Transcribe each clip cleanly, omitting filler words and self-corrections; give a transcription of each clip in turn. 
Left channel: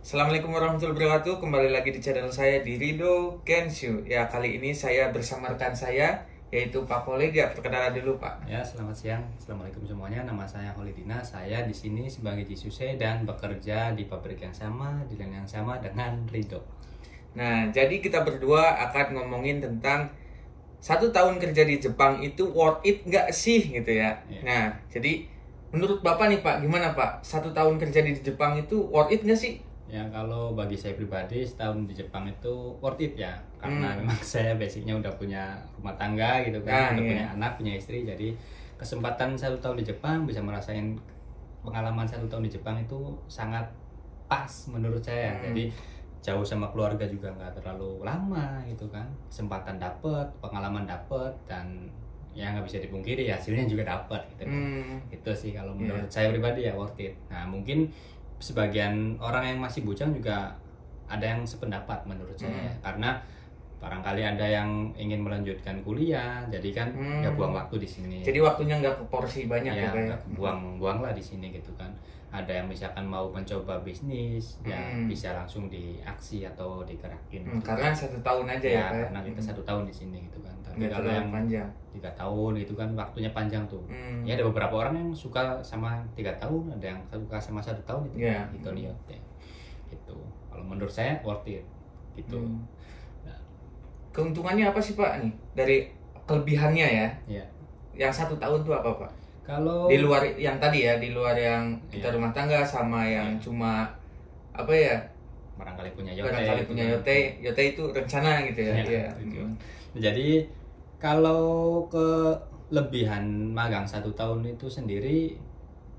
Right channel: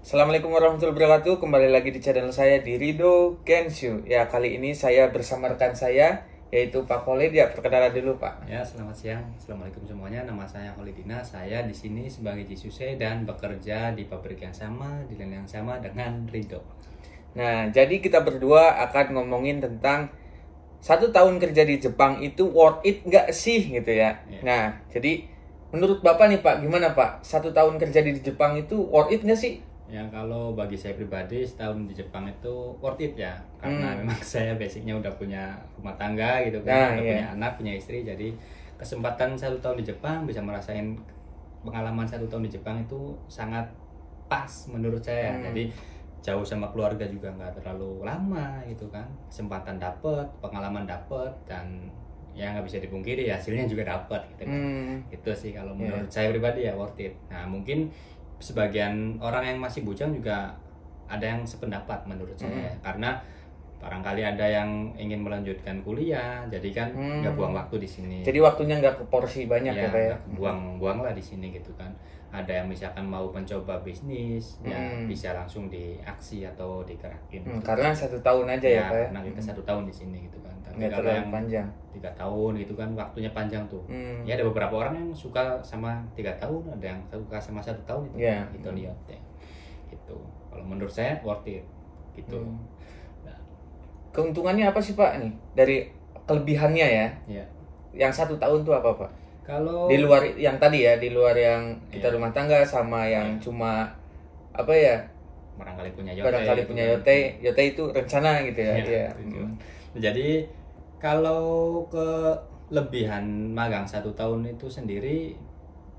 Assalamualaikum warahmatullahi wabarakatuh. Kembali lagi di channel saya di Rido Kenshu. Ya, kali ini saya bersama rekan saya yaitu Pak Khalid. Ya, perkenalan dulu Pak. Ya, selamat siang. Assalamualaikum semuanya. Nama saya Khalidina. Saya di sini sebagai Jisuse dan bekerja di pabrik yang sama, di line yang sama dengan Rido. Nah, jadi kita berdua akan ngomongin tentang 1 tahun kerja di Jepang itu worth it nggak sih gitu ya. Ya. Nah, jadi menurut Bapak nih Pak, gimana Pak? 1 tahun kerja di Jepang itu worth it nggak sih? Ya, kalau bagi saya pribadi setahun di Jepang itu worth it ya, karena memang saya basicnya udah punya rumah tangga gitu kan, udah punya anak, punya istri, jadi kesempatan 1 tahun di Jepang bisa merasain pengalaman 1 tahun di Jepang itu sangat pas menurut saya. Jadi jauh sama keluarga juga nggak terlalu lama gitu kan, kesempatan dapet, pengalaman dapet, dan ya nggak bisa dipungkiri hasilnya juga dapet gitu kan. Itu sih kalau menurut saya pribadi ya worth it. Nah, mungkin sebagian orang yang masih bujang juga ada yang sependapat menurut saya, karena barangkali ada yang ingin melanjutkan kuliah, jadi kan nggak buang waktu di sini. Jadi waktunya nggak ke porsi banyak Ya, ya. buang lah di sini gitu kan. Ada yang misalkan mau mencoba bisnis, ya bisa langsung diaksi atau digerakin. Karena 1 tahun aja ya Pak ya. Karena kita 1 tahun di sini gitu kan. Tapi Nggak kalau terlalu yang panjang. 3 tahun itu kan waktunya panjang tuh. Ya, ada beberapa orang yang suka sama 3 tahun, ada yang suka sama 1 tahun itu. Ya. Itu lihat deh. Gitu. Kalau menurut saya worth it gitu. Nah, Keuntungannya apa sih Pak nih dari kelebihannya ya? ya. Yang 1 tahun tuh apa Pak? Kalau Di luar yang tadi ya, di luar yang kita Iya. rumah tangga sama yang cuma apa ya? barangkali punya yote, Barangkali gitu punya kan. yote, yote itu rencana gitu ya. Ya, Itu ya. tujuan. Jadi kalau kelebihan magang 1 tahun itu sendiri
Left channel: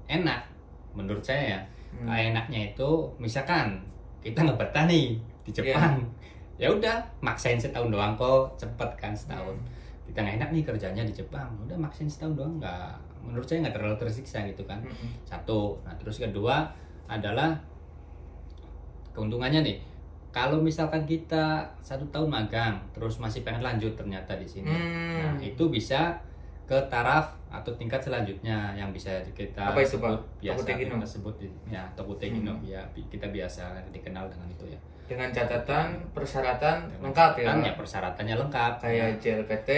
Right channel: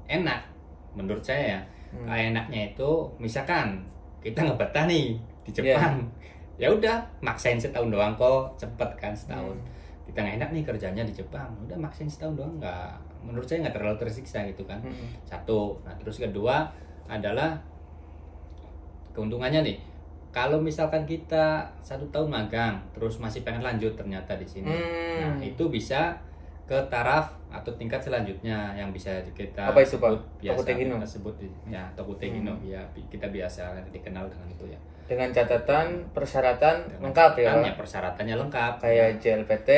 enak menurut saya ya. Enaknya itu misalkan kita nggak betah nih di Jepang, ya udah maksain setahun doang kok, cepet kan setahun. Kita nggak enak nih kerjanya di Jepang, udah maksain setahun doang, nggak, menurut saya nggak terlalu tersiksa gitu kan. Satu. Nah, terus kedua adalah keuntungannya nih, kalau misalkan kita 1 tahun magang terus masih pengen lanjut ternyata di sini, nah itu bisa ke taraf atau tingkat selanjutnya yang bisa kita Apa itu, sebut Pak? biasa Tokutegino? kita sebut ya Tokutegino, ya kita biasa dikenal dengan itu ya. Dengan catatan persyaratan Dengan lengkap ya. catatan, Pak? persyaratannya lengkap. Kayak JLPT,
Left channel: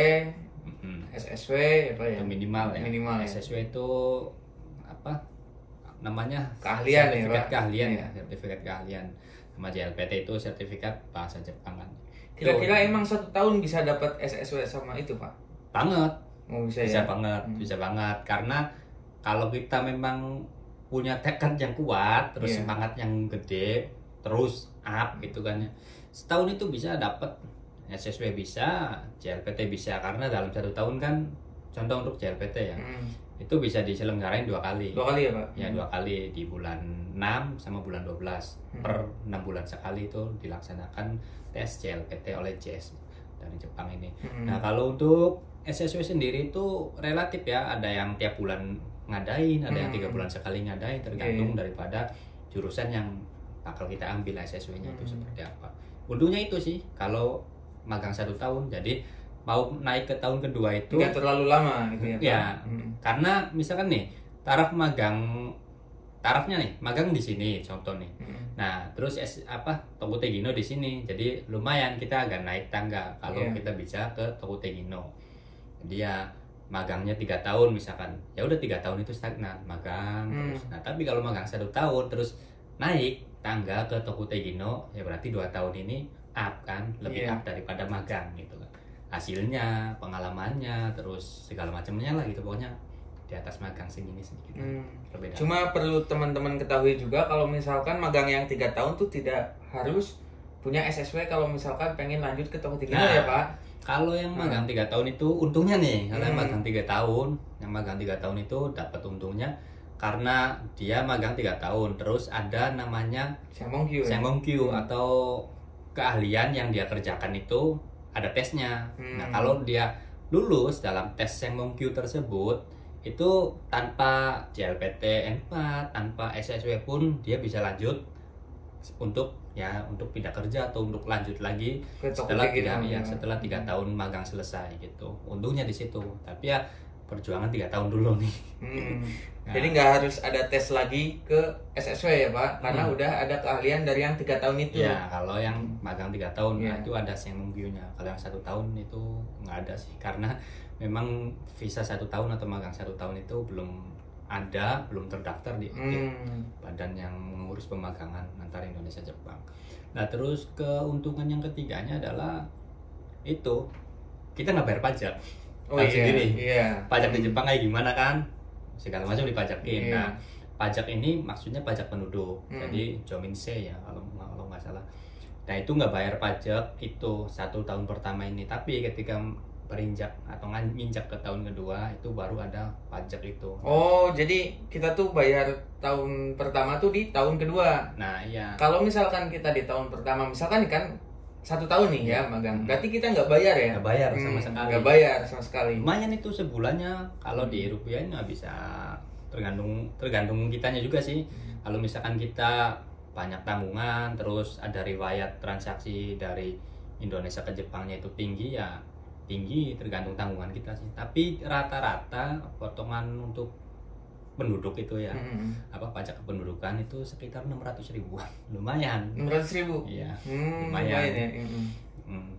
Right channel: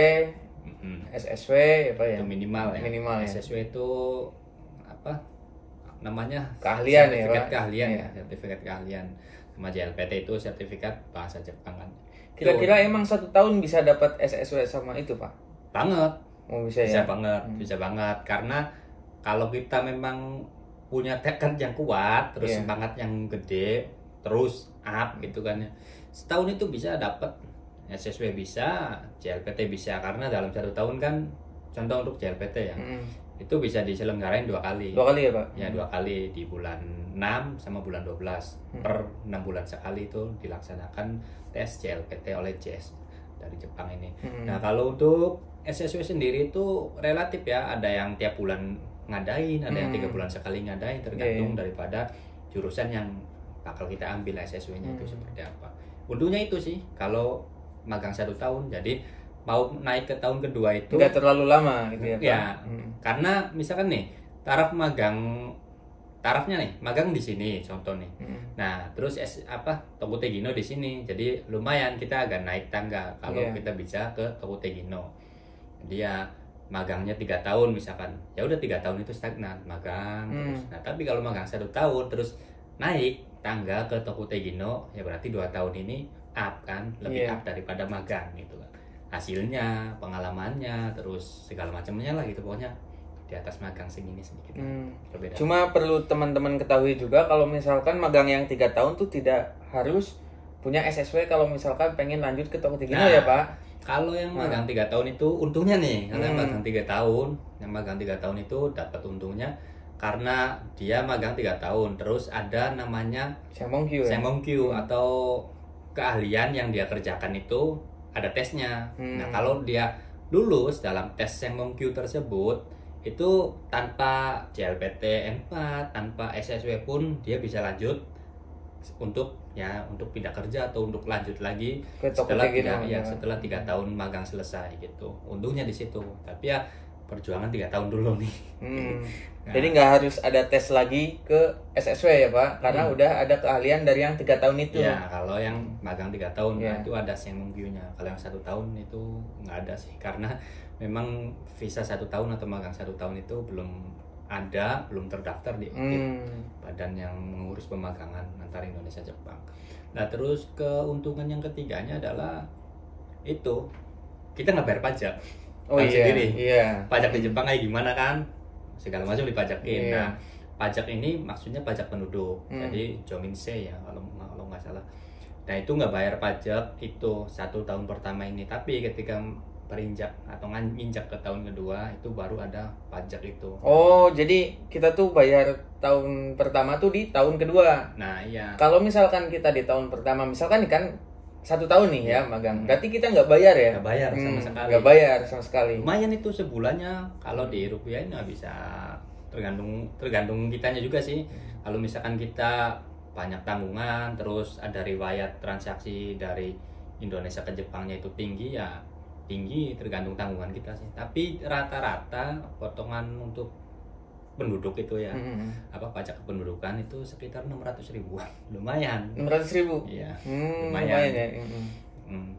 SSW apa ya? Itu minimal ya. Minimal ya. SSW itu apa namanya? Keahlian ya, sertifikat Pak? keahlian, Iya. sertifikat keahlian. Sama JLPT itu sertifikat bahasa Jepang kan. Kira-kira emang 1 tahun bisa dapat SSW sama itu Pak? Banget. Oh bisa Bisa ya. banget, bisa banget, karena kalau kita memang punya tekad yang kuat, terus semangat yang gede, terus up gitu kan ya, setahun itu bisa dapat SSW, bisa JLPT bisa, karena dalam 1 tahun kan, contoh untuk JLPT ya, itu bisa diselenggarain 2 kali. 2 kali ya Pak? Ya, 2 kali di bulan 6 sama bulan 12. Per 6 bulan sekali itu dilaksanakan tes JLPT oleh JS dari Jepang ini. Nah, kalau untuk SSW sendiri itu relatif ya, ada yang tiap bulan ngadain, ada yang 3 bulan sekali ngadain, tergantung daripada jurusan yang bakal kita ambil SSW-nya itu seperti apa. Untungnya itu sih kalau magang 1 tahun, jadi mau naik ke tahun kedua itu Nggak terlalu lama gitu ya Pak? ya, karena misalkan nih tarafnya nih magang di sini contoh nih. Nah, terus Tokutegino di sini, jadi lumayan kita agak naik tangga kalau kita bisa ke Tokutegino. Jadi ya magangnya 3 tahun misalkan, ya udah 3 tahun itu stagnan magang terus. Nah, tapi kalau magang 1 tahun terus naik tangga ke Tokutegino, ya berarti 2 tahun ini up kan, lebih up daripada magang gitu kan. Hasilnya, pengalamannya, terus segala macamnya lah gitu, pokoknya di atas magang segini sedikit berbeda. Cuma perlu teman-teman ketahui juga kalau misalkan magang yang 3 tahun tuh tidak harus punya SSW kalau misalkan pengen lanjut ke Tokutegino ya Pak. Kalau yang magang 3 tahun itu untungnya nih, kalau yang magang 3 tahun, itu dapat untungnya karena dia magang 3 tahun, terus ada namanya Sengonkyu atau keahlian yang dia kerjakan itu ada tesnya. Nah, kalau dia lulus dalam tes Sengonkyu tersebut, itu tanpa JLPT N4, tanpa SSW pun dia bisa lanjut untuk pindah kerja atau untuk lanjut lagi setelah 3 tahun magang selesai gitu. Untungnya di situ. Tapi ya perjuangan 3 tahun dulu nih. Nah. Jadi nggak harus ada tes lagi ke SSW ya Pak, karena udah ada keahlian dari yang 3 tahun itu. Ya, kalau yang magang 3 tahun nah, itu ada Senungbiu-nya. Kalau yang 1 tahun itu nggak ada sih, karena memang visa 1 tahun atau magang 1 tahun itu belum terdaftar di badan yang mengurus pemagangan antara Indonesia Jepang. Nah, terus keuntungan yang ketiganya adalah itu kita nggak bayar pajak. Tahu sendiri. Pajak di Jepang kayak gimana kan? Segala macam dipajakin. Nah, pajak ini maksudnya pajak penduduk. Jadi Jominse ya kalau nggak salah. Nah, itu nggak bayar pajak itu 1 tahun pertama ini. Tapi ketika berinjak atau nginjak ke tahun kedua itu baru ada pajak itu. Oh, jadi kita tuh bayar tahun pertama tuh di tahun kedua. Nah, iya. Kalau misalkan kita di tahun pertama, misalkan kan 1 tahun nih ya magang, berarti kita nggak bayar ya? Nggak bayar sama sekali. Nggak bayar sama sekali. Lumayan itu sebulannya, kalau di rupiah nggak bisa, tergantung kitanya juga sih. Kalau misalkan kita banyak tanggungan, terus ada riwayat transaksi dari Indonesia ke Jepangnya itu tinggi ya tinggi, tergantung tanggungan kita sih. Tapi rata-rata potongan untuk penduduk itu ya pajak kependudukan itu sekitar 600 ribuan. Lumayan. 600 ribu? Iya, lumayan ya.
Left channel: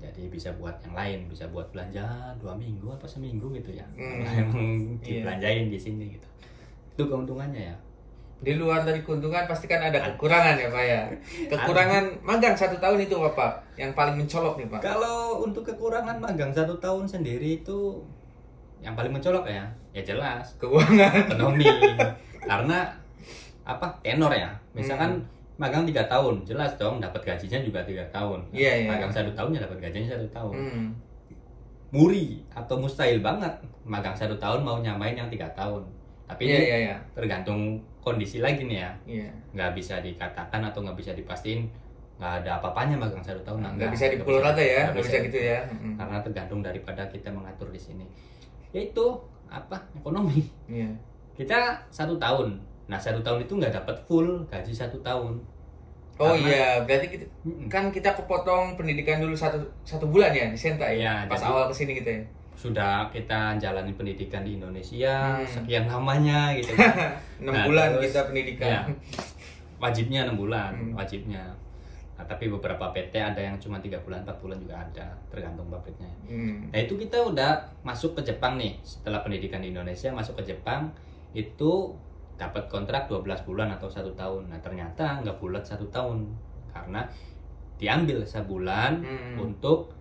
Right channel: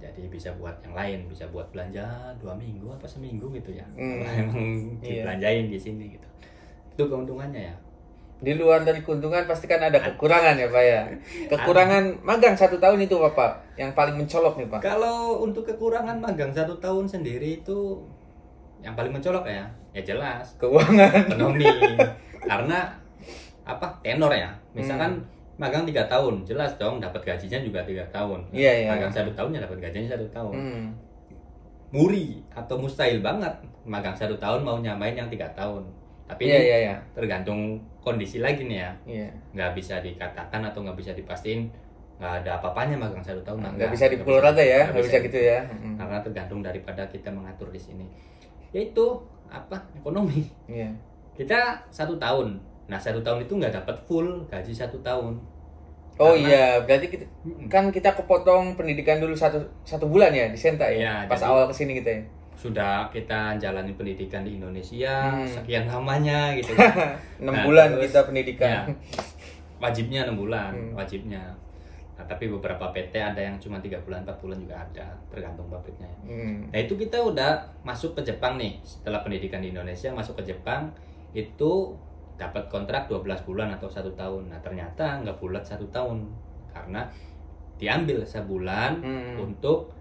Jadi bisa buat yang lain, bisa buat belanja 2 minggu atau seminggu gitu ya. Kalau emang dibelanjain di sini gitu. Itu keuntungannya ya. Di luar dari keuntungan pasti kan ada kekurangan ya Pak ya. Kekurangan magang 1 tahun itu Pak yang paling mencolok nih Pak. Kalau untuk kekurangan magang 1 tahun sendiri itu yang paling mencolok ya jelas keuangan, ekonomi. Karena tenor ya. Misalkan magang 3 tahun, jelas dong dapat gajinya juga 3 tahun. Magang 1 tahun ya dapat gajinya 1 tahun. Muri atau mustahil banget magang 1 tahun mau nyamain yang 3 tahun. Tapi tergantung kondisi lagi nih ya. Nggak bisa dikatakan atau nggak bisa dipastiin nggak ada apa-apanya magang 1 tahun. Nggak bisa dipukul rata ya, nggak bisa gitu ya. Karena tergantung daripada kita mengatur di sini. Yaitu ekonomi. Kita 1 tahun. Nah 1 tahun itu nggak dapat full gaji 1 tahun. Berarti kita kepotong pendidikan dulu satu bulan ya di Senta ya. Pas awal kesini gitu ya. Sudah kita jalani pendidikan di Indonesia sekian lamanya gitu. 6 bulan kita pendidikan. Ya, wajibnya 6 bulan, wajibnya. Nah, tapi beberapa PT ada yang cuma 3 bulan, 4 bulan juga ada, tergantung pabriknya. Nah, itu kita udah masuk ke Jepang nih. Setelah pendidikan di Indonesia masuk ke Jepang itu dapat kontrak 12 bulan atau 1 tahun. Nah, ternyata nggak bulat 1 tahun karena diambil sebulan untuk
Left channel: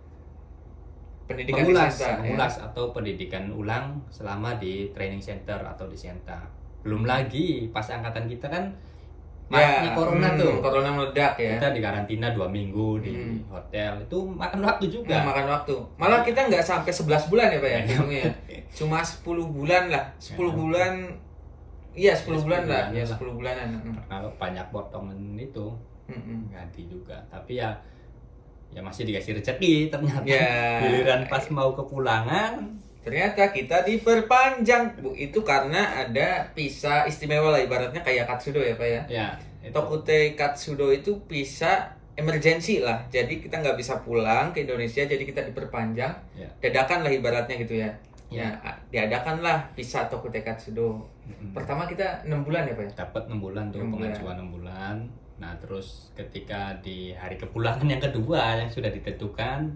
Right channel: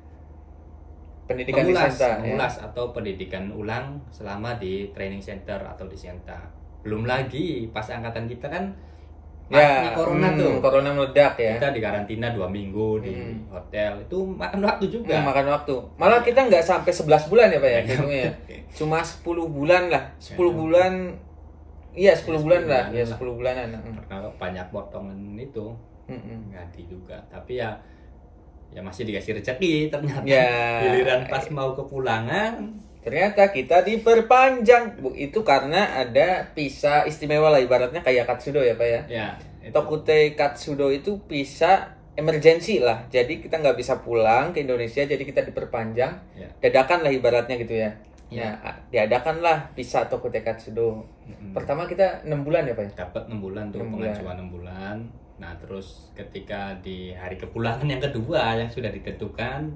mengulas atau pendidikan ulang selama di training center atau di Senta. Belum lagi pas angkatan kita kan corona corona meledak ya. Kita di karantina 2 minggu di hotel, itu makan waktu juga. Makan waktu. Malah kita nggak sampai 11 bulan ya Pak ya. Cuma 10 bulan lah. 10 bulan. Iya 10 bulan lah. Ya 10 bulanan. Karena banyak potongan itu ganti juga. Tapi ya masih dikasih rezeki ternyata. Giliran pas mau kepulangan ternyata kita diperpanjang. Itu karena ada visa istimewa lah, ibaratnya kayak Katsudo ya Pak ya. Tokute Katsudo itu visa emergency lah. Jadi kita nggak bisa pulang ke Indonesia, jadi kita diperpanjang. Dadakan lah ibaratnya gitu ya. Diadakan lah visa Tokute Katsudo. Pertama kita 6 bulan ya Pak ya? Dapat 6 bulan tuh, pengajuan 6 bulan. Nah terus ketika di hari kepulangan yang kedua yang sudah ditentukan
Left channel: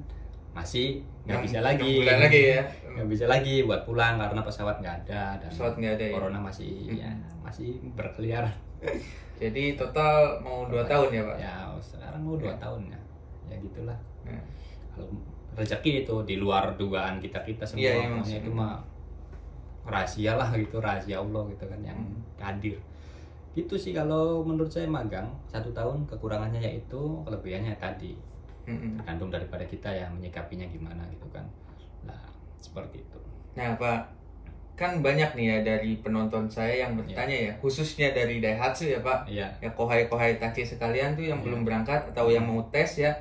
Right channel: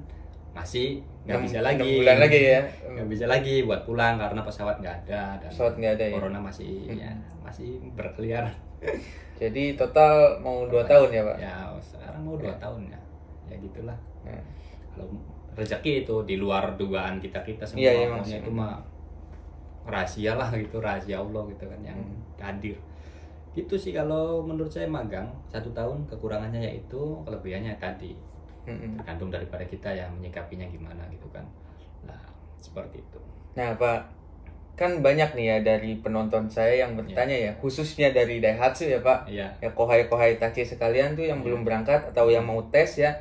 masih nggak bisa lagi. 6 bulan lagi ya. Nggak bisa lagi buat pulang karena pesawat nggak ada dan corona masih berkeliaran. Jadi total mau 2 tahun ya Pak? Ya sekarang mau 2 tahun ya. Ya gitulah. Kalau rezeki itu di luar dugaan kita semua, maunya itu mah rahasia lah gitu, rahasia Allah gitu kan yang hadir. Itu sih kalau menurut saya magang 1 tahun. Kekurangannya yaitu, kelebihannya tadi tergantung daripada kita ya menyikapinya gimana gitu kan. Nah seperti itu. Nah Pak, kan banyak nih ya dari penonton saya yang bertanya ya, khususnya dari Daihatsu ya Pak, ya kohai tachi sekalian tuh yang belum berangkat atau yang mau tes ya,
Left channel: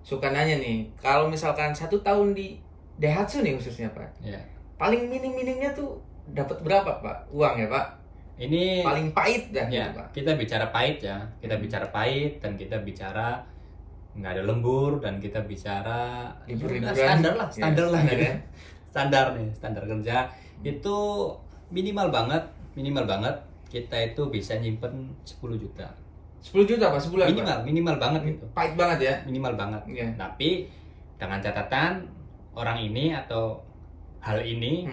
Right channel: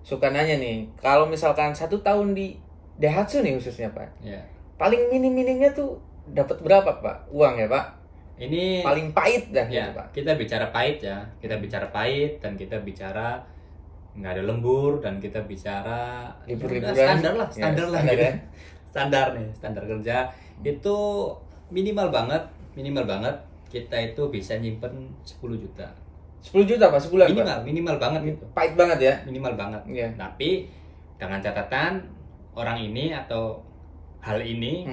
suka nanya nih, kalau misalkan 1 tahun di Daihatsu nih khususnya Pak, paling minim-minimnya tuh dapat berapa Pak uang ya Pak? Ini paling pahit dah ya, Pak. Kita bicara pahit ya, kita bicara pahit dan kita bicara nggak ada lembur dan kita bicara standar lah gitu. Standar nih, standar kerja Itu minimal banget kita itu bisa nyimpen 10 juta. 10 juta Pak sebulan? Minimal banget itu. Pahit banget ya? Minimal banget. Yeah. Tapi dengan catatan orang ini atau hal ini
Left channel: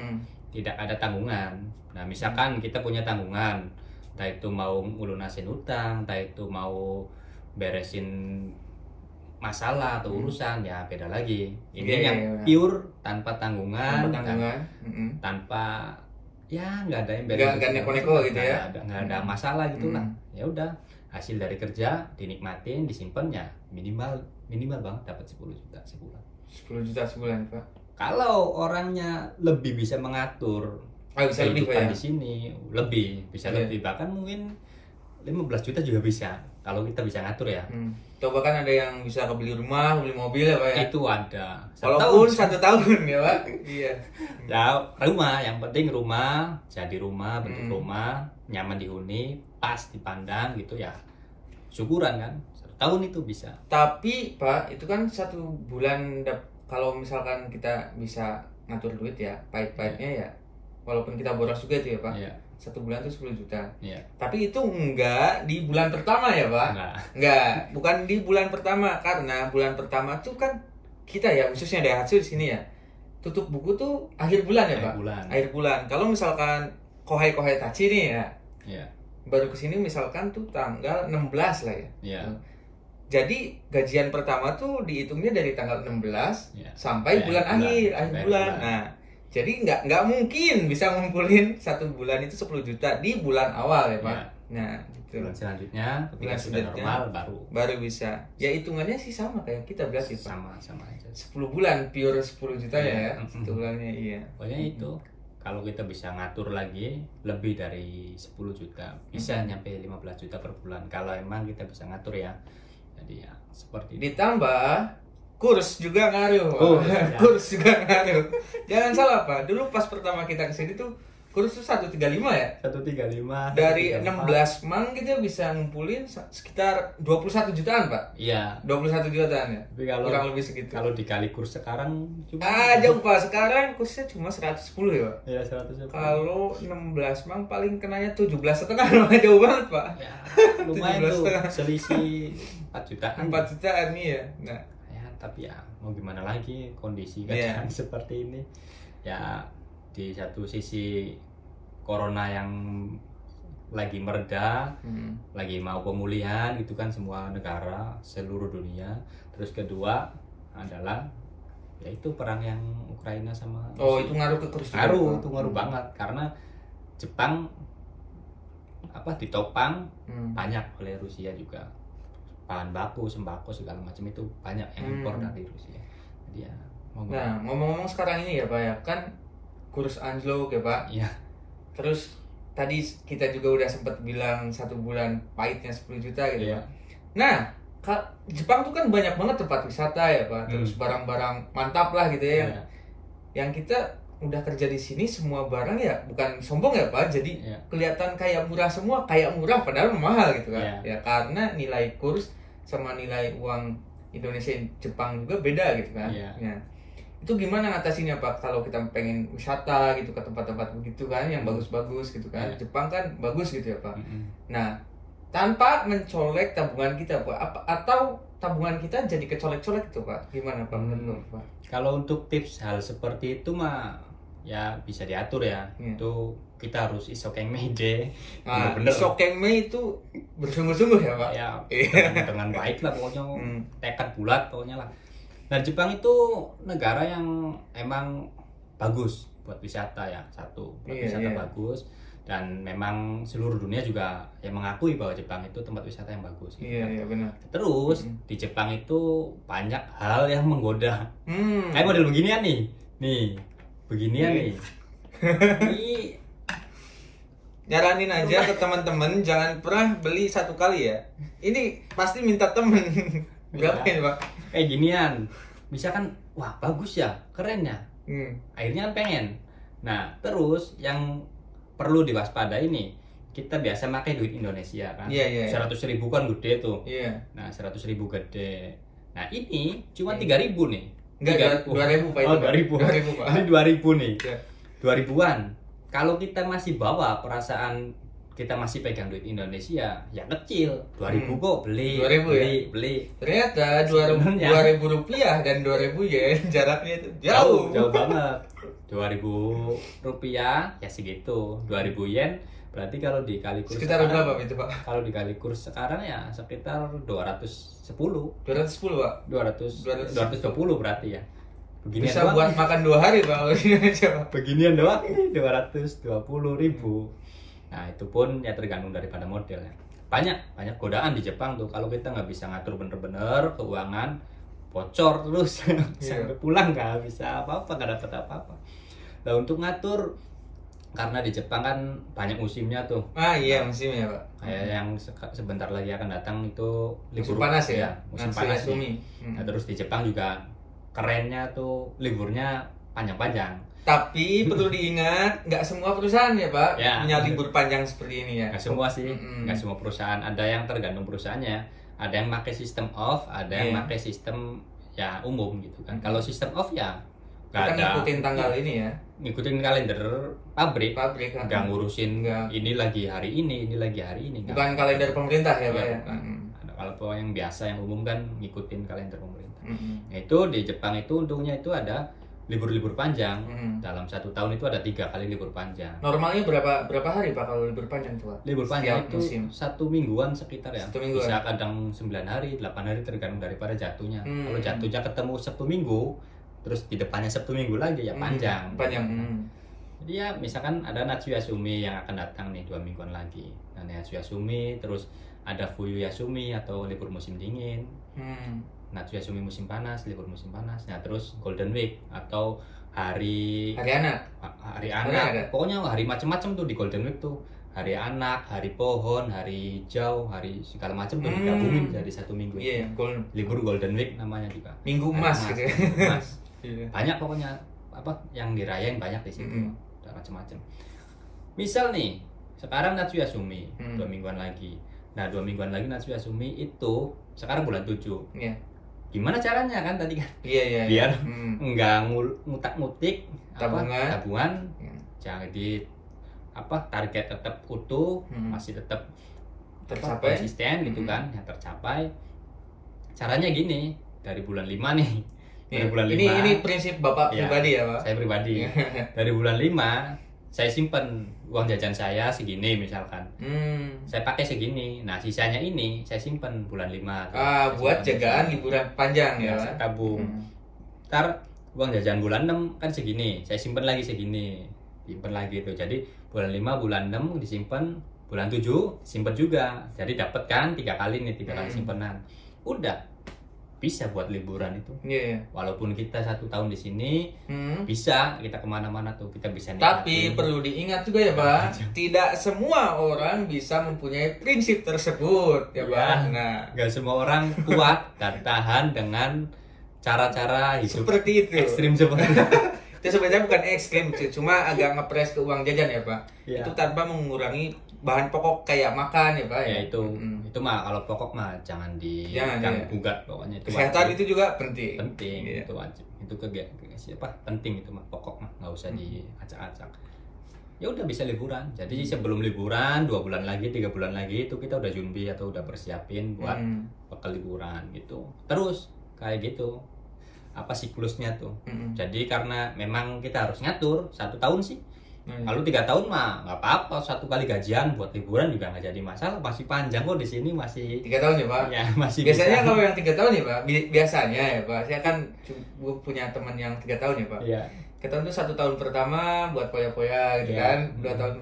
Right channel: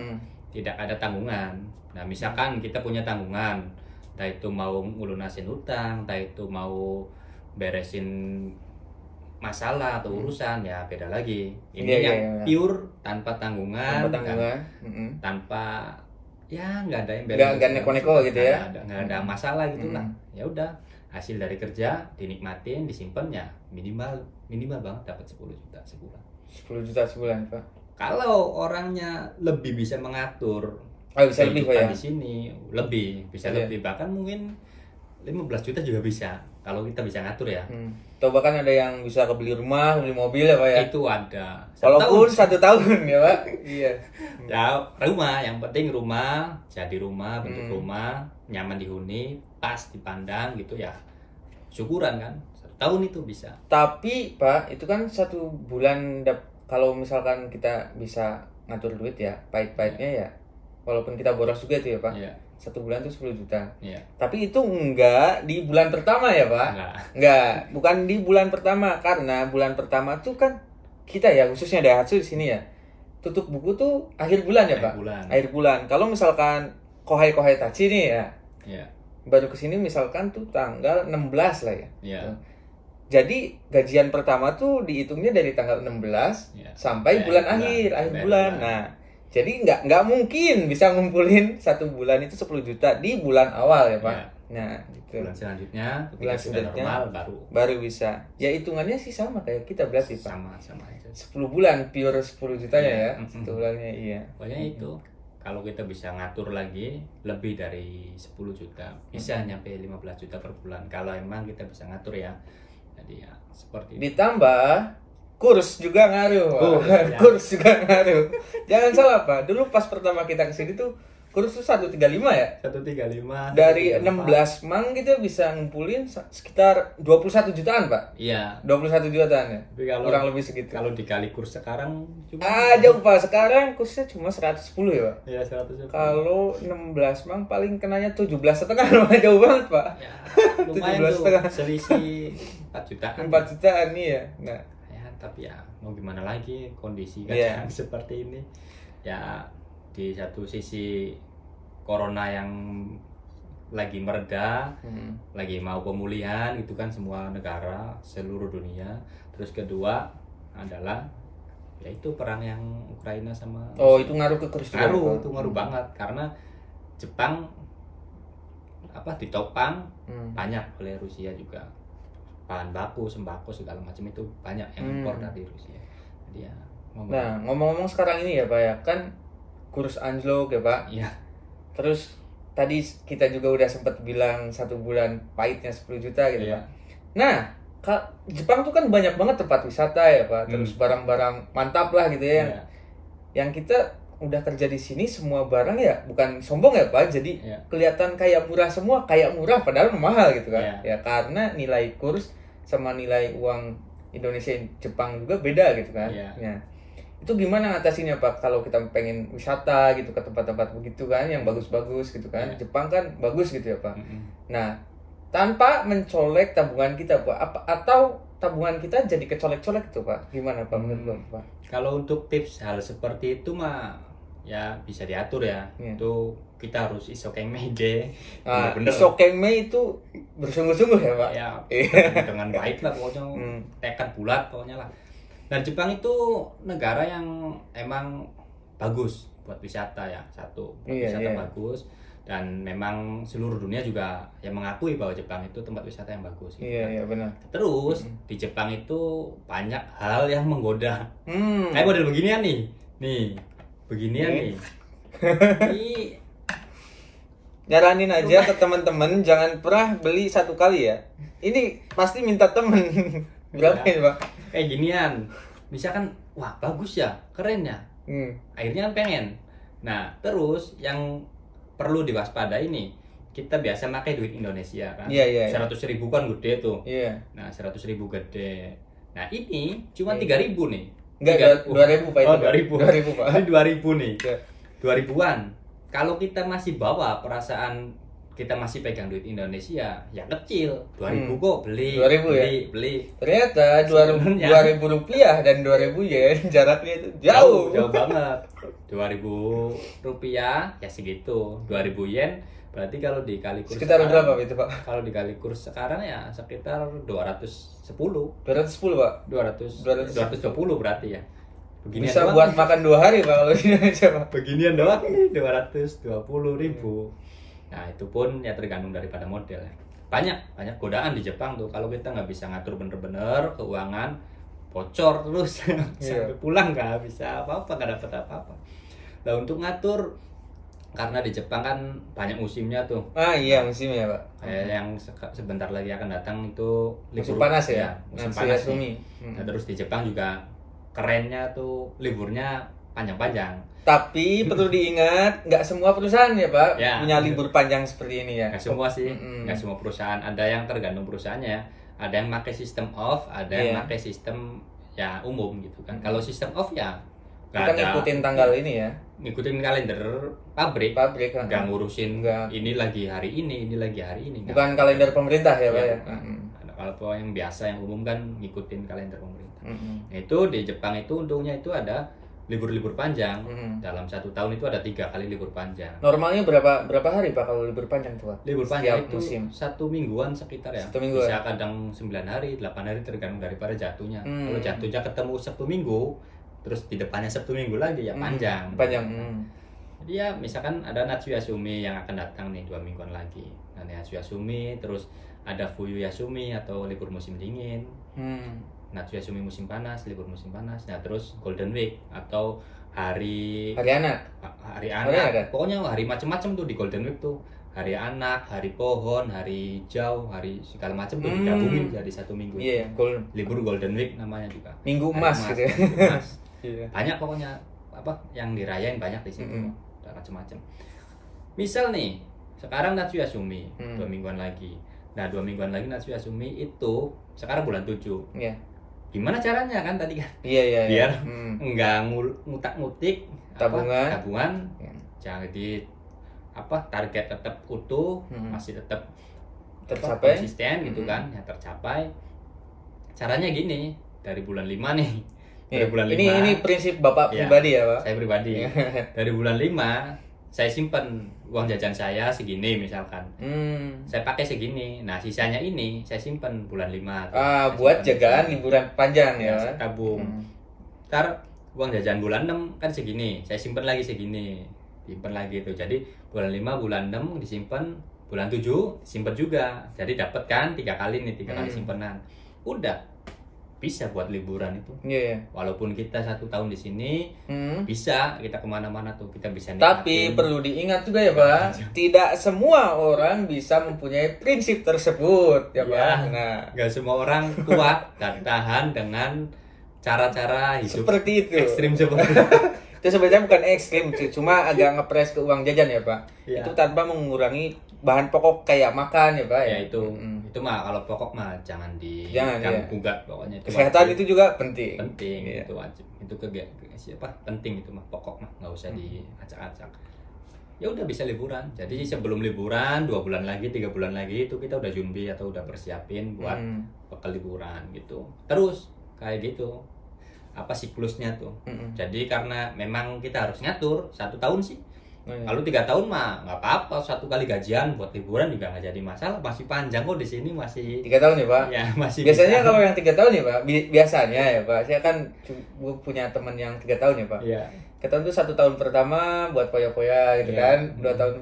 tidak ada tanggungan. Nah, misalkan kita punya tanggungan, entah itu mau ngelunasin utang, entah itu mau beresin masalah atau urusan, ya beda lagi. Ini yang pure tanpa tanggungan, tanpa ya nggak ada yang beda, nggak neko-neko gitu ya, nggak ada masalah gitulah. Ya udah, hasil dari kerja dinikmatin, disimpan, ya minimal banget dapat 10 juta sebulan. 10 juta sebulan Pak. Kalau orangnya lebih bisa mengatur bisa kehidupan di sini, bisa lebih, bahkan mungkin 15 juta juga bisa kalau kita bisa ngatur ya. Coba kan ada yang bisa kebeli rumah, beli mobil ya Pak ya. Itu ada. Walaupun 1 tahun ya Pak. Iya. Ya rumah, yang penting rumah, jadi rumah, bentuk rumah, nyaman dihuni, pas dipandang gitu ya. Syukuran kan, 1 tahun itu bisa. Tapi Pak, itu kan 1 bulan kalau misalkan kita bisa ngatur duit ya, pahit-pahitnya ya. Walaupun kita boros juga itu ya Pak. Iya. 1 bulan tuh 10 juta. Iya. Tapi itu enggak di bulan pertama ya Pak? Enggak, bukan di bulan pertama, karena bulan pertama tuh kan kita ya, khususnya Daihatsu di sini ya, tutup buku tuh akhir bulan ya Pak? Akhir bulan. Kalau misalkan Kohai Tachi nih ya, baru kesini misalkan tuh tanggal 16 lah ya. Iya. Jadi gajian pertama tuh dihitungnya dari tanggal 16 sampai bulan akhir bulan. Nah, jadi nggak mungkin bisa ngumpulin 1 bulan itu 10 juta di bulan awal ya Pak. Nah, gitu. Bulan selanjutnya ketika sudah normal baru bisa. Ya hitungannya sih sama kayak kita berarti Pak. Sama aja. 10 bulan pure 10 juta ya. 1 bulannya iya. Pokoknya itu. Kalau kita bisa ngatur lagi lebih dari 10 juta, bisa nyampe 15 juta per bulan kalau emang kita bisa ngatur ya. Jadi ya seperti itu. Ditambah kurs juga ngaruh. Kurs juga ngaruh. Jangan salah Pak, dulu pas pertama kita kesini tuh kurs tuh 135 ya? 135. Dari 16 mang kita bisa ngumpulin sekitar 21 jutaan Pak. Iya. 21 jutaan ya. Tapi kalau kurang lebih segitu. Kalau dikali kurs sekarang cuma jauh Pak, sekarang kursnya cuma 110 ya Pak. Iya, 110. Kalau 16 mang paling kenanya 17,5, jauh banget Pak. Ya, lumayan tuh. Selisih 4 jutaan. 4 jutaan nih ya. Nah, tapi ya mau gimana lagi, kondisi kan seperti ini ya. Di satu sisi corona yang lagi mereda, lagi mau pemulihan itu kan semua negara seluruh dunia. Terus kedua adalah yaitu perang yang Ukraina sama itu ngaruh ke kurs. Ngaruh banget karena Jepang ditopang banyak oleh Rusia juga. Bahan baku, sembako segala macam itu banyak yang impor dari Rusia. Jadi ya ngomong-ngomong sekarang ini ya Pak ya, kan kurs anjlok ya Pak. Iya. Terus tadi kita juga udah sempat bilang 1 bulan pahitnya 10 juta gitu ya. Nah, Jepang tuh kan banyak banget tempat wisata ya Pak. Terus barang-barang mantap lah gitu ya. Yang kita udah kerja di sini semua barang ya, bukan sombong ya Pak, jadi kelihatan kayak murah semua, kayak murah padahal mahal gitu kan. Ya karena nilai kurs sama nilai uang Indonesia Jepang juga beda gitu kan. Nah, itu gimana ngatasinnya Pak kalau kita pengen wisata gitu ke tempat-tempat begitu kan yang bagus-bagus gitu kan. Jepang kan bagus gitu ya Pak. Nah, tanpa mencolek tabungan kita Pak, atau tabungan kita jadi kecolek-colek itu Pak, gimana Pak menurut Pak? Kalau untuk tips hal seperti itu mah ya bisa diatur ya. Itu kita harus isokeng meide. Bener-bener isokeng me itu bersungguh-sungguh ya Pak. Ya, dengan baik lah pokoknya, tekad bulat pokoknya lah. Dan Jepang itu negara yang emang bagus buat wisata ya, wisata bagus. Dan memang seluruh dunia juga yang mengakui bahwa Jepang itu tempat wisata yang bagus gitu. Iya benar. Terus di Jepang itu banyak hal yang menggoda. Kayak model beginian nih beginian nih. Ini nyaranin aja ke teman-teman jangan pernah beli 1 kali ya. Ini pasti minta temen. Berapa ya Pak? Kayak ginian. Misalkan wah bagus ya, keren ya. Akhirnya kan pengen. Nah, terus yang perlu diwaspadai ini, kita biasa pakai duit Indonesia kan. 100.000 kan gede tuh. Nah, 100.000 gede. Nah, ini cuma 3.000 nih. Enggak, 2.000 Pak. Oh, 2.000 Pak. Ini 2.000 nih. 2000-an. Kalau kita masih bawa perasaan kita masih pegang duit Indonesia, ya kecil. 2000 kok beli. 2000 beli. Ternyata 2000 rupiah dan 2000 yen jaraknya itu jauh. Jauh banget. 2000 rupiah ya segitu. 2000 yen berarti kalau dikali kurs sekitar berapa itu, Pak? Kalau dikali kurs sekarang ya sekitar 210. 210, Pak. 220 berarti ya. Beginian bisa doang buat nih. Makan 2 hari, Pak, kalau di Indonesia, Pak. Beginian doang nih 220.000. Nah, itu pun ya tergantung daripada model ya. Banyak godaan di Jepang tuh kalau kita nggak bisa ngatur bener-bener keuangan, bocor terus sampai pulang nggak bisa apa-apa, nggak dapat apa-apa. Nah, untuk ngatur, karena di Jepang kan banyak musimnya tuh. Iya, musimnya, Pak. Kayak yang sebentar lagi akan datang itu musim panas ya. Musim panas nih. Nah, terus di Jepang juga kerennya tuh liburnya panjang-panjang. Tapi perlu diingat, nggak semua perusahaan ya, Pak, punya libur panjang seperti ini ya. Nggak semua sih, nggak semua perusahaan. Ada yang tergantung perusahaannya. Ada yang pakai sistem off, ada yang pakai sistem ya umum gitu kan. Kalau sistem off ya kita ngikutin tanggal ini ya, ngikutin kalender pabrik kan. Nggak ngurusin ini lagi hari ini lagi hari ini. Bukan kalender pemerintah ya, Pak ya. Kalau yang biasa yang umum kan ngikutin kalender pemerintah. Nah, itu di Jepang itu untungnya itu ada libur-libur panjang. Dalam 1 tahun itu ada 3 kali libur panjang. Normalnya berapa hari, Pak, kalau libur panjang tuh, Pak? Libur panjang itu musim. 1 mingguan sekitar ya. 1 mingguan. Bisa kadang 9 hari, 8 hari tergantung daripada jatuhnya. Kalau jatuhnya ketemu Sabtu Minggu, terus di depannya Sabtu Minggu lagi ya panjang. Jadi ya misalkan ada Natsuyasumi yang akan datang nih 2 mingguan lagi. Nah, Natsuyasumi, terus ada Fuyuyasumi atau libur musim dingin. Natsuyasumi musim panas, libur musim panas. Nah, terus Golden Week atau hari anak. Pokoknya hari macam-macam tuh di Golden Week tuh. Hari anak, hari pohon, hari hijau, hari segala macam tuh digabungin jadi 1 minggu. Libur Golden Week namanya juga. Minggu emas gitu. Banyak pokoknya yang dirayain banyak di situ. Macam-macam. Misal nih, sekarang Natsuyasumi 2 mingguan lagi. Nah, 2 mingguan lagi Natsuyasumi itu sekarang bulan 7. Gimana caranya kan tadi kan? Biar enggak ngutak-ngutik tabungan. Jadi target tetap utuh, masih tetap tercapai, konsisten gitu kan, yang tercapai. Caranya gini, dari bulan 5 nih. Dari bulan 5. Ini prinsip Bapak pribadi ya, Pak? Saya pribadi. Dari bulan 5 saya simpen uang jajan saya segini misalkan. Saya pakai segini. Nah, sisanya ini saya simpen bulan 5. Buat jagaan liburan panjang ya. Tabung. Ntar uang jajan bulan 6 kan segini. Saya simpen lagi segini. Simpen lagi itu. Jadi bulan 5, bulan 6 disimpan, bulan 7 simpen juga. Jadi dapat kan 3 kali nih, 3 kali simpenan. Udah bisa buat liburan itu. Walaupun kita 1 tahun di sini, bisa kita kemana-mana tuh, kita bisa nikmatin. Tapi perlu diingat juga ya, Pak, tidak semua orang bisa mempunyai prinsip tersebut ya, Pak. Nggak semua orang kuat dan tahan dengan cara-cara hidup seperti itu, ekstrim seperti itu. Itu sebenarnya bukan ekstrim, cuma agak ngepres ke uang jajan ya, Pak. Itu tanpa mengurangi bahan pokok kayak makan ya, Pak. Ya itu mah kalau pokok mah jangan gugat pokoknya. Itu kesehatan wajib. Itu juga penting. Itu wajib. Itu penting itu mah, pokok mah nggak usah diacak-acak. Ya udah bisa liburan. Jadi sebelum liburan 2 bulan lagi, 3 bulan lagi itu kita udah junbi atau udah persiapin buat bakal liburan gitu. Terus kayak gitu. Siklusnya tuh. Jadi karena memang kita harus ngatur 1 tahun sih. Lalu 3 tahun mah nggak apa-apa, 1 kali gajian buat liburan juga nggak jadi masalah. Masih panjang kok di sini, masih 3 tahun ya, Pak. Ya, masih biasanya kalau yang 3 tahun ya, Pak, biasanya ya, Pak, saya kan punya teman yang 3 tahun ya, Pak. 3 tahun tuh 1 tahun pertama buat poya-poya gitu kan. 2 tahun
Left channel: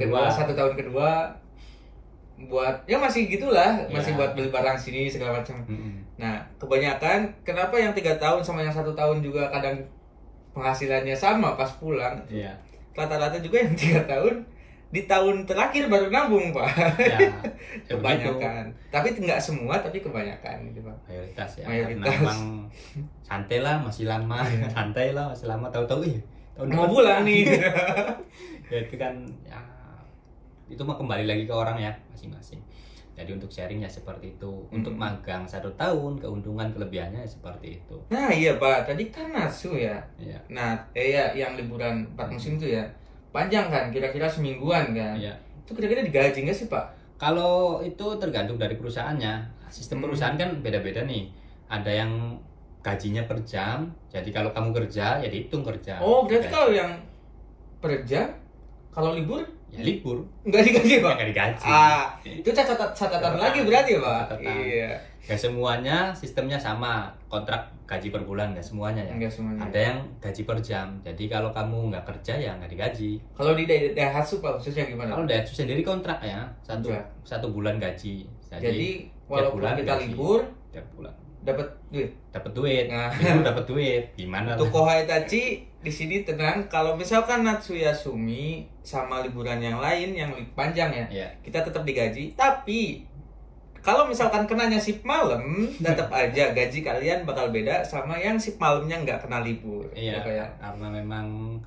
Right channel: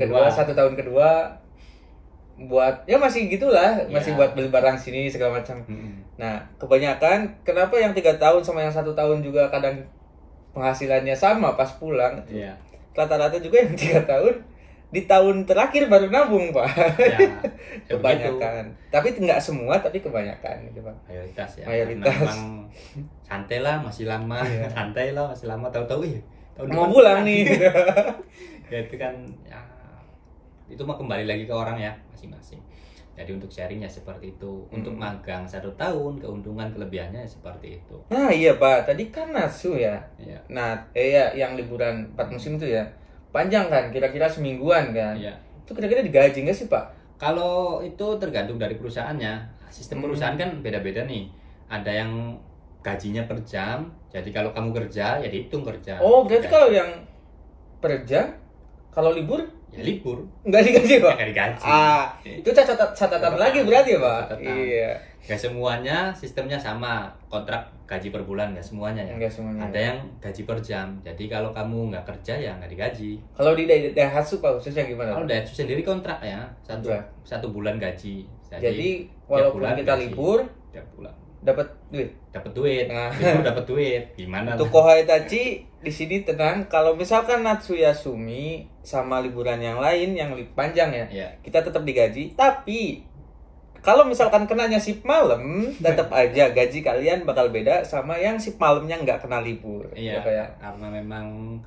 kedua, 1 tahun kedua buat ya masih gitulah, masih buat beli barang sini segala macam. Nah, kebanyakan kenapa yang 3 tahun sama yang 1 tahun juga kadang penghasilannya sama pas pulang. Rata-rata juga yang 3 tahun di tahun terakhir baru nabung, Pak. Kebanyakan. Tapi nggak semua, tapi kebanyakan gitu, Pak. Mayoritas ya. Memang santai lah, masih lama. Santai lah, masih lama, tahu-tahu tahun mau pulang nih. Ya itu kan ya, itu mah kembali lagi ke orang ya masing-masing. Jadi untuk sharingnya seperti itu. Untuk magang 1 tahun, keuntungan kelebihannya seperti itu. Nah iya Pak, tadi kan Natsu ya. Iya. Nah ya yang liburan 4 musim itu ya panjang kan, kira-kira semingguan kan. Iya. Itu kira-kira digaji nggak sih Pak? Kalau itu tergantung dari perusahaannya. Sistem perusahaan kan beda-beda nih. Ada yang gajinya per jam. Jadi kalau kamu kerja ya dihitung kerja. Oh berarti kalau yang per jam, kalau libur ya libur, nggak digaji Pak? nggak digaji. Itu catatan lagi berarti ya Pak? Catatan. Iya. Gak semuanya sistemnya sama, kontrak gaji per bulan, nggak semuanya ya. Nggak semuanya. Ada yang gaji per jam. Jadi kalau kamu nggak kerja ya nggak digaji. Kalau di Daihatsu Pak khususnya gimana? Kalau Daihatsu sendiri kontrak ya, satu bulan gaji. Jadi walaupun kita libur, tiap bulan dapat duit. Nah. Libur dapat duit. Gimana? Untuk Kohai Tachi di sini tenang. Kalau misalkan Natsuya Sumi sama liburan yang lain yang lebih panjang ya, kita tetap digaji. Tapi kalau misalkan kenanya shift malam, tetap aja gaji kalian bakal beda sama yang shift malamnya nggak kena libur. Iya. Karena memang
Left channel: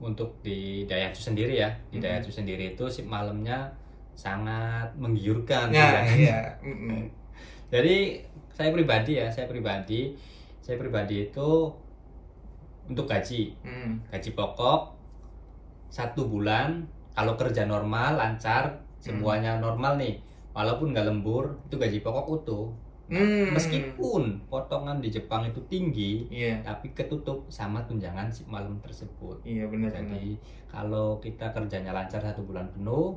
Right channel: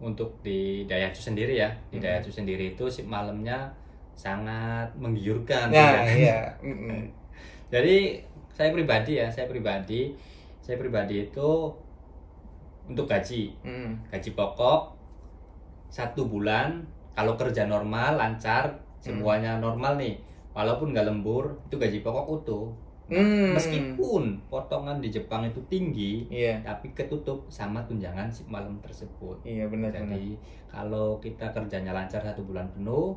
untuk di Daihatsu sendiri ya, di Daihatsu sendiri itu shift malamnya sangat menggiurkan. Nah, iya. Jadi saya pribadi itu untuk gaji pokok 1 bulan kalau kerja normal lancar semuanya normal nih, walaupun nggak lembur itu gaji pokok utuh. Meskipun potongan di Jepang itu tinggi, tapi ketutup sama tunjangan si malam tersebut. Iya benar. Jadi kalau kita kerjanya lancar 1 bulan penuh,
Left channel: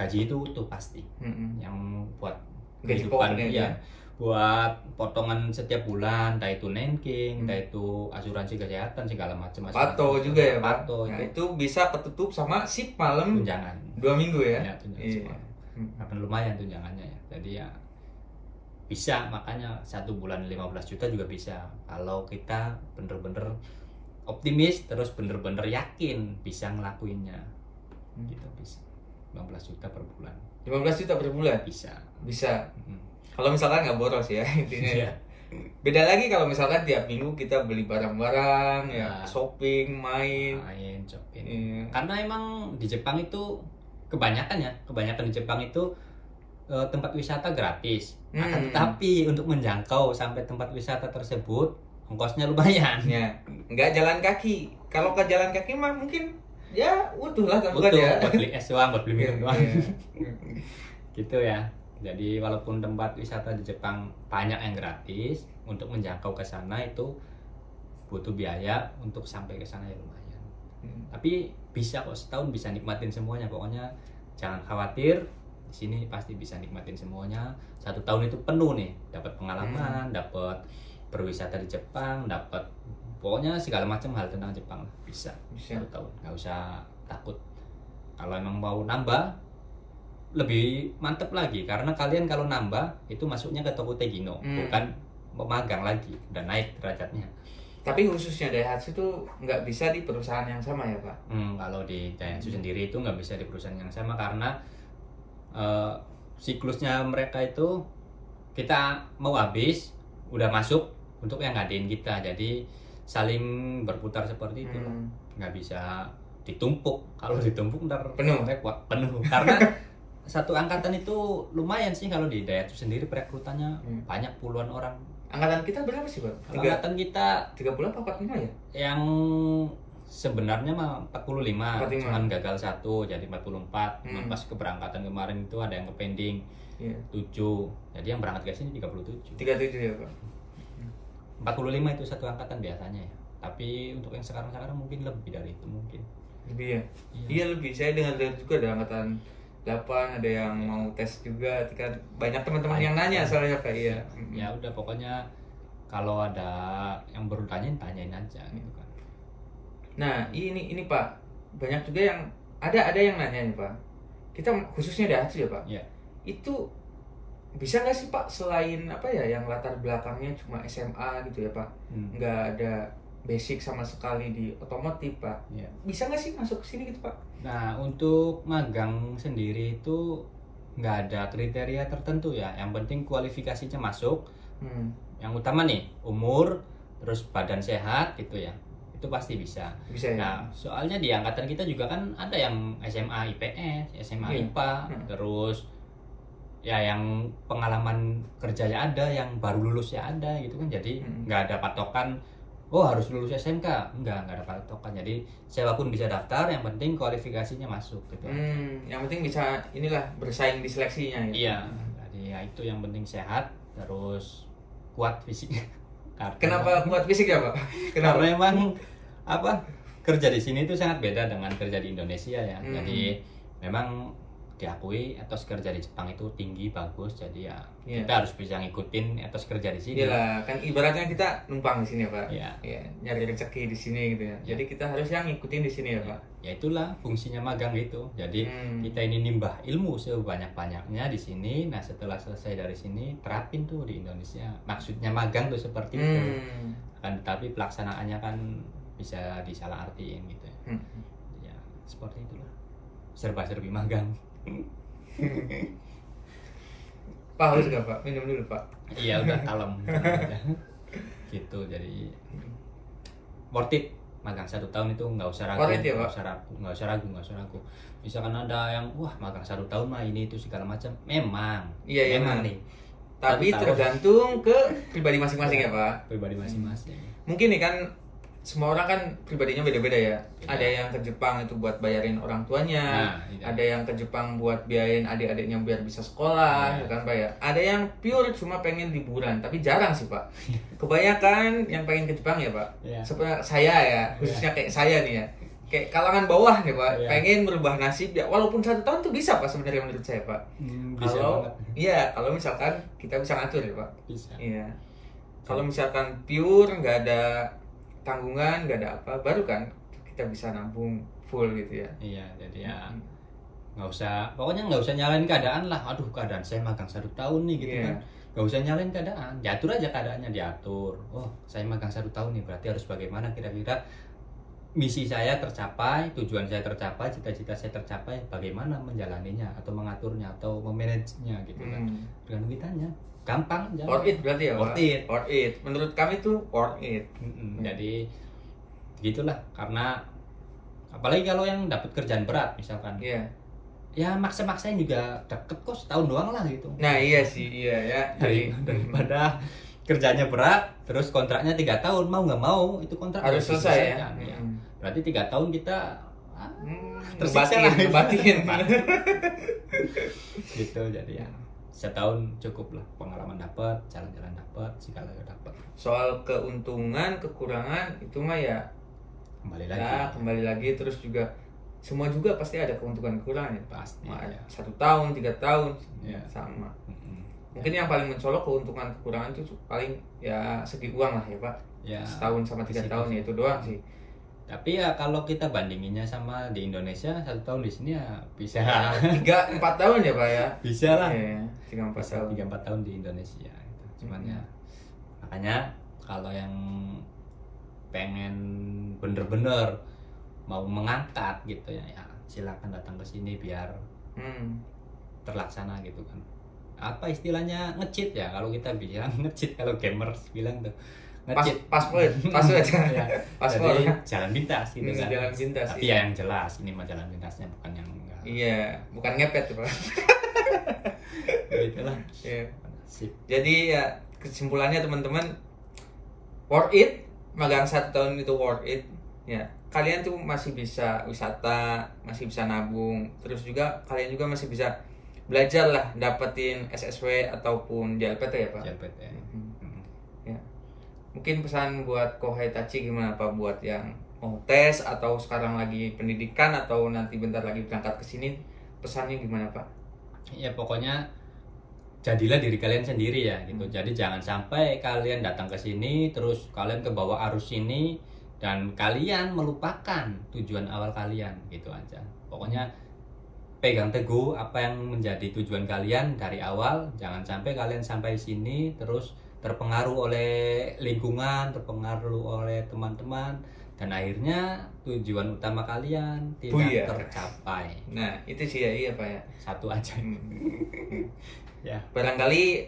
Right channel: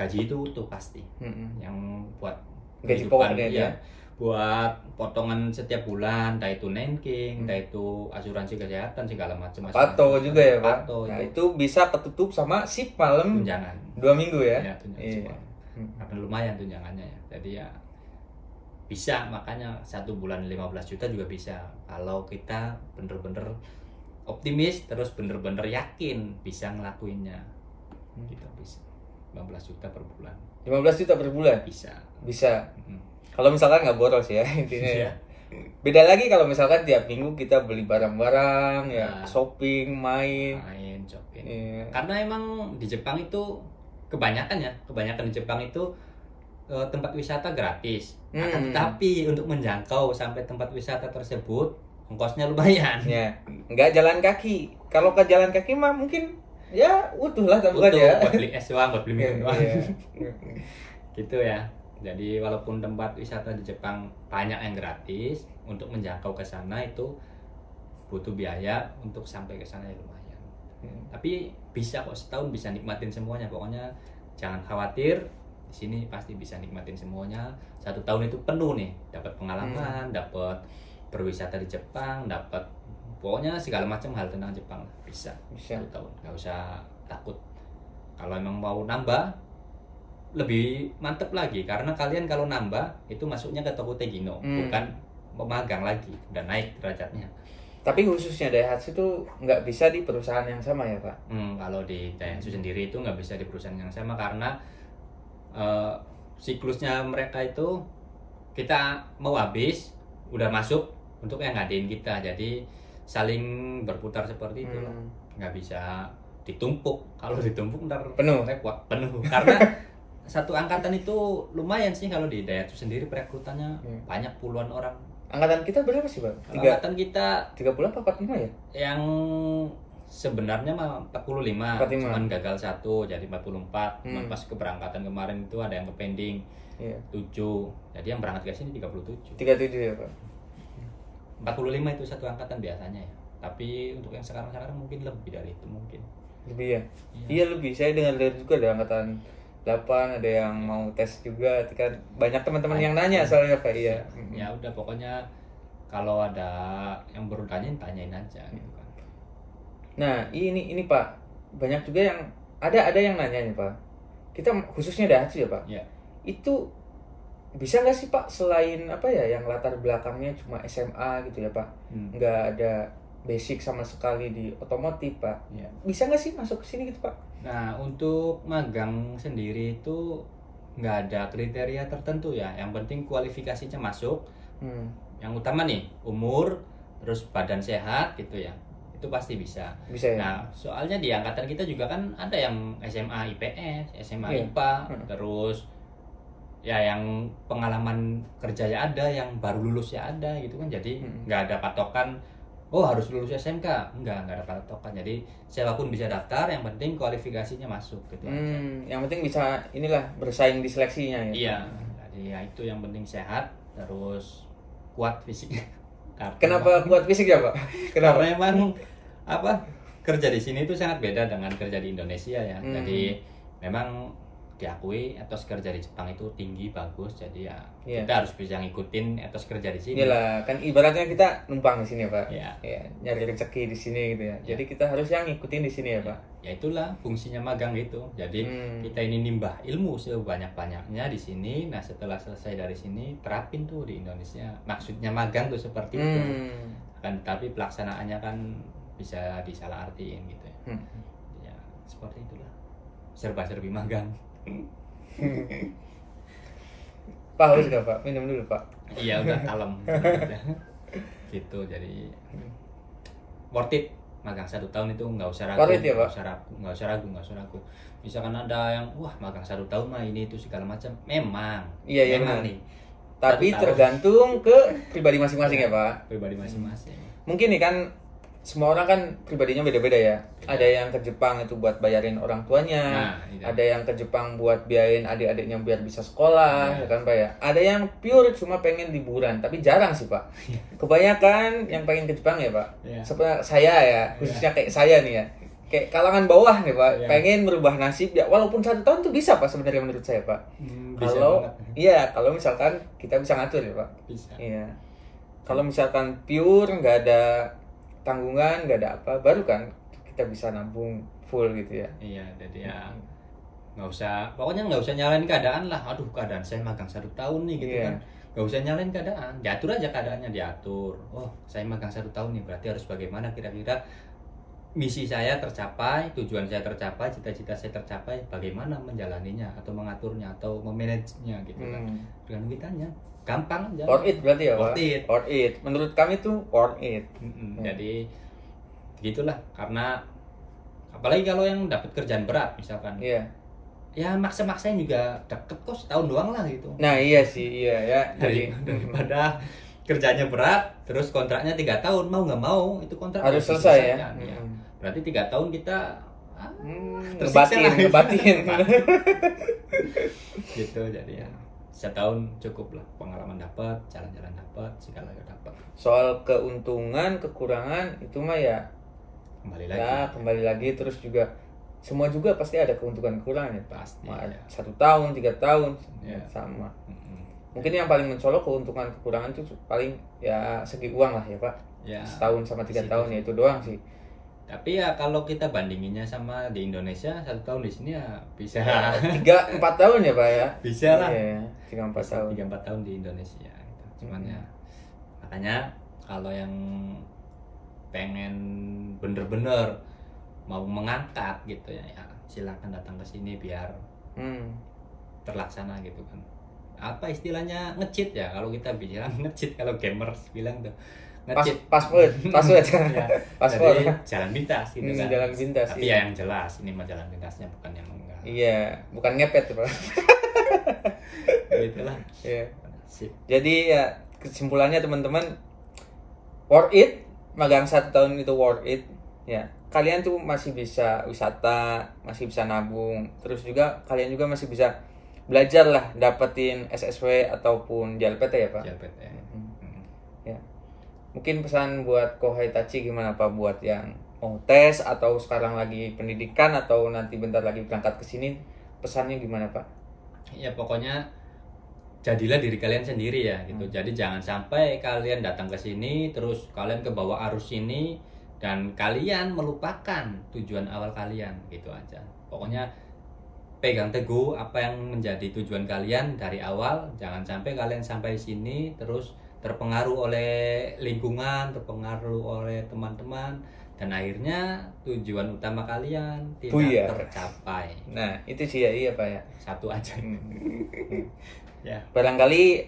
gaji itu utuh pasti. Yang buat gaji pokoknya ya. Buat potongan setiap bulan, entah itu nanking, entah itu asuransi kesehatan segala macam. Pato juga ya Pak. Nah, itu bisa ketutup sama shift malam tunjangan 2 minggu ya. Tunjangan karena lumayan tunjangannya ya. Jadi ya bisa, makanya 1 bulan 15 juta juga bisa. Kalau kita bener-bener optimis terus bener-bener yakin bisa ngelakuinnya. Kita bisa 15 juta per bulan. 15 juta per bulan? Bisa. Kalau misalkan nggak boros ya intinya. Beda lagi kalau misalkan tiap minggu kita beli barang-barang, shopping, main shopping. Karena emang di Jepang itu kebanyakan di Jepang itu tempat wisata gratis. Tapi untuk menjangkau sampai tempat wisata tersebut ongkosnya lumayan. Ya, nggak jalan kaki. Kalau ke jalan kaki mah mungkin ya utuh lah ya. Buat beli es doang, buat beli minum doang. Gitu ya. Jadi walaupun tempat wisata di Jepang banyak yang gratis, untuk menjangkau ke sana itu butuh biaya, untuk sampai ke sana ya lumayan. Tapi bisa kok, setahun bisa nikmatin semuanya. Pokoknya jangan khawatir, di sini pasti bisa nikmatin semuanya. 1 tahun itu penuh nih, dapat pengalaman, dapat berwisata di Jepang, dapat pokoknya segala macam hal tentang Jepang lah. Bisa. 1 tahun, nggak usah takut. Kalau emang mau nambah lebih mantep lagi, karena kalian kalau nambah itu masuknya ke Tokute Gino, bukan pemagang lagi, udah naik derajatnya. Tapi khususnya Daihatsu itu nggak bisa di perusahaan yang sama ya Pak? Kalau di Daihatsu sendiri itu nggak bisa di perusahaan yang sama, karena siklusnya mereka itu kita mau habis udah masuk untuk yang ngadain kita, jadi saling berputar seperti itu lah. Nggak bisa ditumpuk, kalau ditumpuk ntar penuh karena satu angkatan itu lumayan sih. Kalau di Daihatsu sendiri perekrutannya banyak, puluhan orang. Angkatan kita berapa sih Pak? Angkatan kita 30 apa 45 ya? Yang sebenarnya mah 45, cuman gagal 1 jadi 44. Cuman pas keberangkatan kemarin itu ada yang ke pending 7. Jadi yang berangkat ke sini 37. 37 ya Pak. 45 itu satu angkatan biasanya ya. Tapi untuk yang sekarang mungkin lebih dari itu mungkin. Lebih ya? Iya lebih. Saya dengar juga ada angkatan 8, ada yang mau tes juga kan, banyak teman-teman yang nanya soalnya Pak. Ya udah, pokoknya kalau ada yang baru tanyain aja gitu kan. Nah ini Pak, banyak juga yang ada yang nanya nih Pak, kita khususnya Daihatsu ya Pak, itu bisa nggak sih Pak selain apa ya yang latar belakangnya cuma SMA gitu ya Pak, nggak ada basic sama sekali di otomotif Pak, bisa nggak sih masuk ke sini gitu Pak? Nah untuk magang sendiri itu nggak ada kriteria tertentu ya, yang penting kualifikasinya masuk. Yang utama nih umur, terus badan sehat gitu ya, itu pasti bisa ya? Nah soalnya di angkatan kita juga kan ada yang SMA IPS, SMA IPA, terus ya yang pengalaman kerja ya ada, yang baru lulus ya ada gitu kan. Jadi nggak ada patokan oh harus lulus SMK, nggak ada patokan. Jadi siapapun bisa daftar, yang penting kualifikasinya masuk gitu. Yang penting bisa inilah bersaing di seleksinya ya. Iya, jadi ya itu yang penting, sehat terus kuat fisiknya. Kenapa kuat fisik ya Pak? Karena memang kerja di sini itu sangat beda dengan kerja di Indonesia ya. Jadi memang diakui etos kerja di Jepang itu tinggi, bagus. Jadi ya kita harus bisa ngikutin etos kerja di sini. Iyalah, kan ibaratnya kita numpang di sini ya Pak. Ya, nyari rezeki di sini gitu ya. Jadi kita harus yang ngikutin di sini ya Pak. Ya itulah fungsinya magang itu. Jadi kita ini nimbah ilmu sebanyak-banyaknya di sini. Nah setelah selesai dari sini terapin tuh di Indonesia. Maksudnya magang tuh seperti itu. Kan tapi pelaksanaannya kan bisa disalahartiin gitu ya. Ya seperti itulah. Serba-serbi magang. Pak harus gak Pak? Minum dulu Pak. Iya udah kalem. Gitu, jadi worth it. Magang 1 tahun itu nggak usah ragu, nggak usah ragu. Misalkan ada yang wah magang 1 tahun mah ini itu segala macam, memang nih. Tapi tergantung ke pribadi masing-masing ya Pak. Pribadi masing-masing. Mungkin nih kan semua orang kan pribadinya beda-beda ya. Ada yang ke Jepang itu buat bayarin orang tuanya, ada yang ke Jepang buat biayain adik-adiknya biar bisa sekolah, ya kan Pak ya. Ada yang pure cuma pengen liburan, tapi jarang sih Pak. Kebanyakan yang pengen ke Jepang ya Pak. Seperti saya ya, khususnya kayak saya nih ya. Kayak kalangan bawah nih Pak, pengen merubah nasib ya. Walaupun 1 tahun tuh bisa Pak sebenarnya menurut saya Pak. Kalau misalkan kita bisa ngatur ya Pak. Bisa. Iya. Kalau misalkan pure nggak ada tanggungan, nggak ada apa, baru kan kita bisa nabung full gitu ya. Iya, jadi ya pokoknya nggak usah nyalain keadaan lah. Aduh keadaan saya magang 1 tahun nih gitu kan. Nggak usah nyalain keadaan, diatur aja keadaannya, diatur. Oh saya magang 1 tahun nih, berarti harus bagaimana kira-kira misi saya tercapai, tujuan saya tercapai, cita-cita saya tercapai, bagaimana menjalaninya atau mengaturnya atau memanagenya gitu kan. Dengan kitanya gampang aja. Worth it berarti ya Pak? Worth it. Menurut kami tuh worth it. Jadi gitulah, karena apalagi kalau yang dapat kerjaan berat misalkan. Ya maksa-maksain juga deket kok, setahun doang lah gitu. Nah iya sih, iya ya. Daripada kerjanya berat, terus kontraknya 3 tahun, mau nggak mau itu kontrak harus selesai ya. Berarti 3 tahun kita ngebatin. Gitu, jadi ya 1 tahun cukup lah, pengalaman dapat, jalan-jalan dapat, segala dapat. Soal keuntungan, kekurangan itu mah ya kembali lagi terus juga semua juga pasti ada keuntungan kekurangan ya. Pasti. 1 tahun, 3 tahun sama. Mungkin yang paling mencolok keuntungan kekurangan itu paling ya segi uang lah ya Pak. Setahun sama 3 tahun ya itu doang sih. Tapi ya kalau kita bandinginnya sama di Indonesia, 1 tahun di sini ya bisa 3-4 tahun ya Pak ya. Bisa lah. 3-4 tahun di Indonesia gitu. Cuman ya makanya kalau yang pengen bener-bener mau mengangkat gitu ya silakan datang ke sini biar terlaksana gitu kan. Apa istilahnya nge-cheat ya, kalau kita bilang nge-cheat, kalau gamers bilang tuh password ya. Jadi jalan pintas gitu kan. Jalan pintas. Tapi ya yang jelas ini mah jalan pintasnya, bukan yang enggak. Iya, bukan ngepet tuh Pak. Gitulah. Iya. Jadi ya kesimpulannya teman-teman, worth it, magang 1 tahun itu worth it. Ya, kalian tuh masih bisa wisata, masih bisa nabung, terus juga kalian juga masih bisa belajar lah, dapetin SSW ataupun JLPT ya Pak. JLPT. Ya. Mungkin pesan buat Kohei Tachi gimana Pak, buat yang mau tes atau sekarang lagi pendidikan atau nanti bentar lagi berangkat ke sini, pesannya gimana Pak? Ya pokoknya jadilah diri kalian sendiri ya gitu. Jadi jangan sampai kalian datang ke sini terus kalian ke bawah arus ini dan kalian melupakan tujuan awal kalian gitu aja. Pokoknya pegang teguh apa yang menjadi tujuan kalian dari awal. Jangan sampai kalian sampai sini terus terpengaruh oleh lingkungan, terpengaruh oleh teman-teman, dan akhirnya tujuan utama kalian tidak tercapai. Nah itu sih ya, iya Pak ya. Satu aja. Ya. Barangkali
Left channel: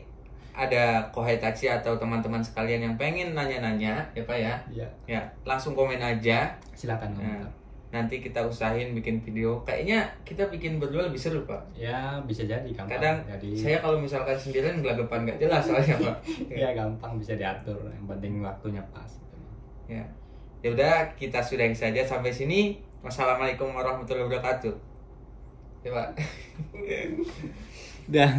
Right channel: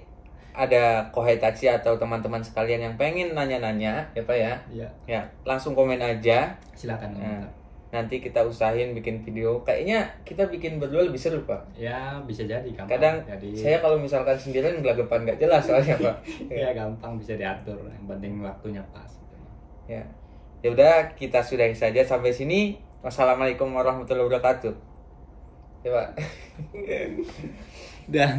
ada Kohei Tachi atau teman-teman sekalian yang pengen nanya-nanya ya Pak ya. Iya. Ya langsung komen aja. Silakan komentar. nanti kita usahain bikin video. Kayaknya kita bikin berdua lebih seru, Pak. Ya, bisa jadi gampang. Kadang jadi saya kalau misalkan sendirian gelagapan nggak jelas soalnya, Pak. Ya gampang bisa diatur, yang penting waktunya pas gitu. Ya. Ya udah, kita sudahi saja sampai sini. Wassalamualaikum warahmatullahi wabarakatuh. Ya, Pak. Dah.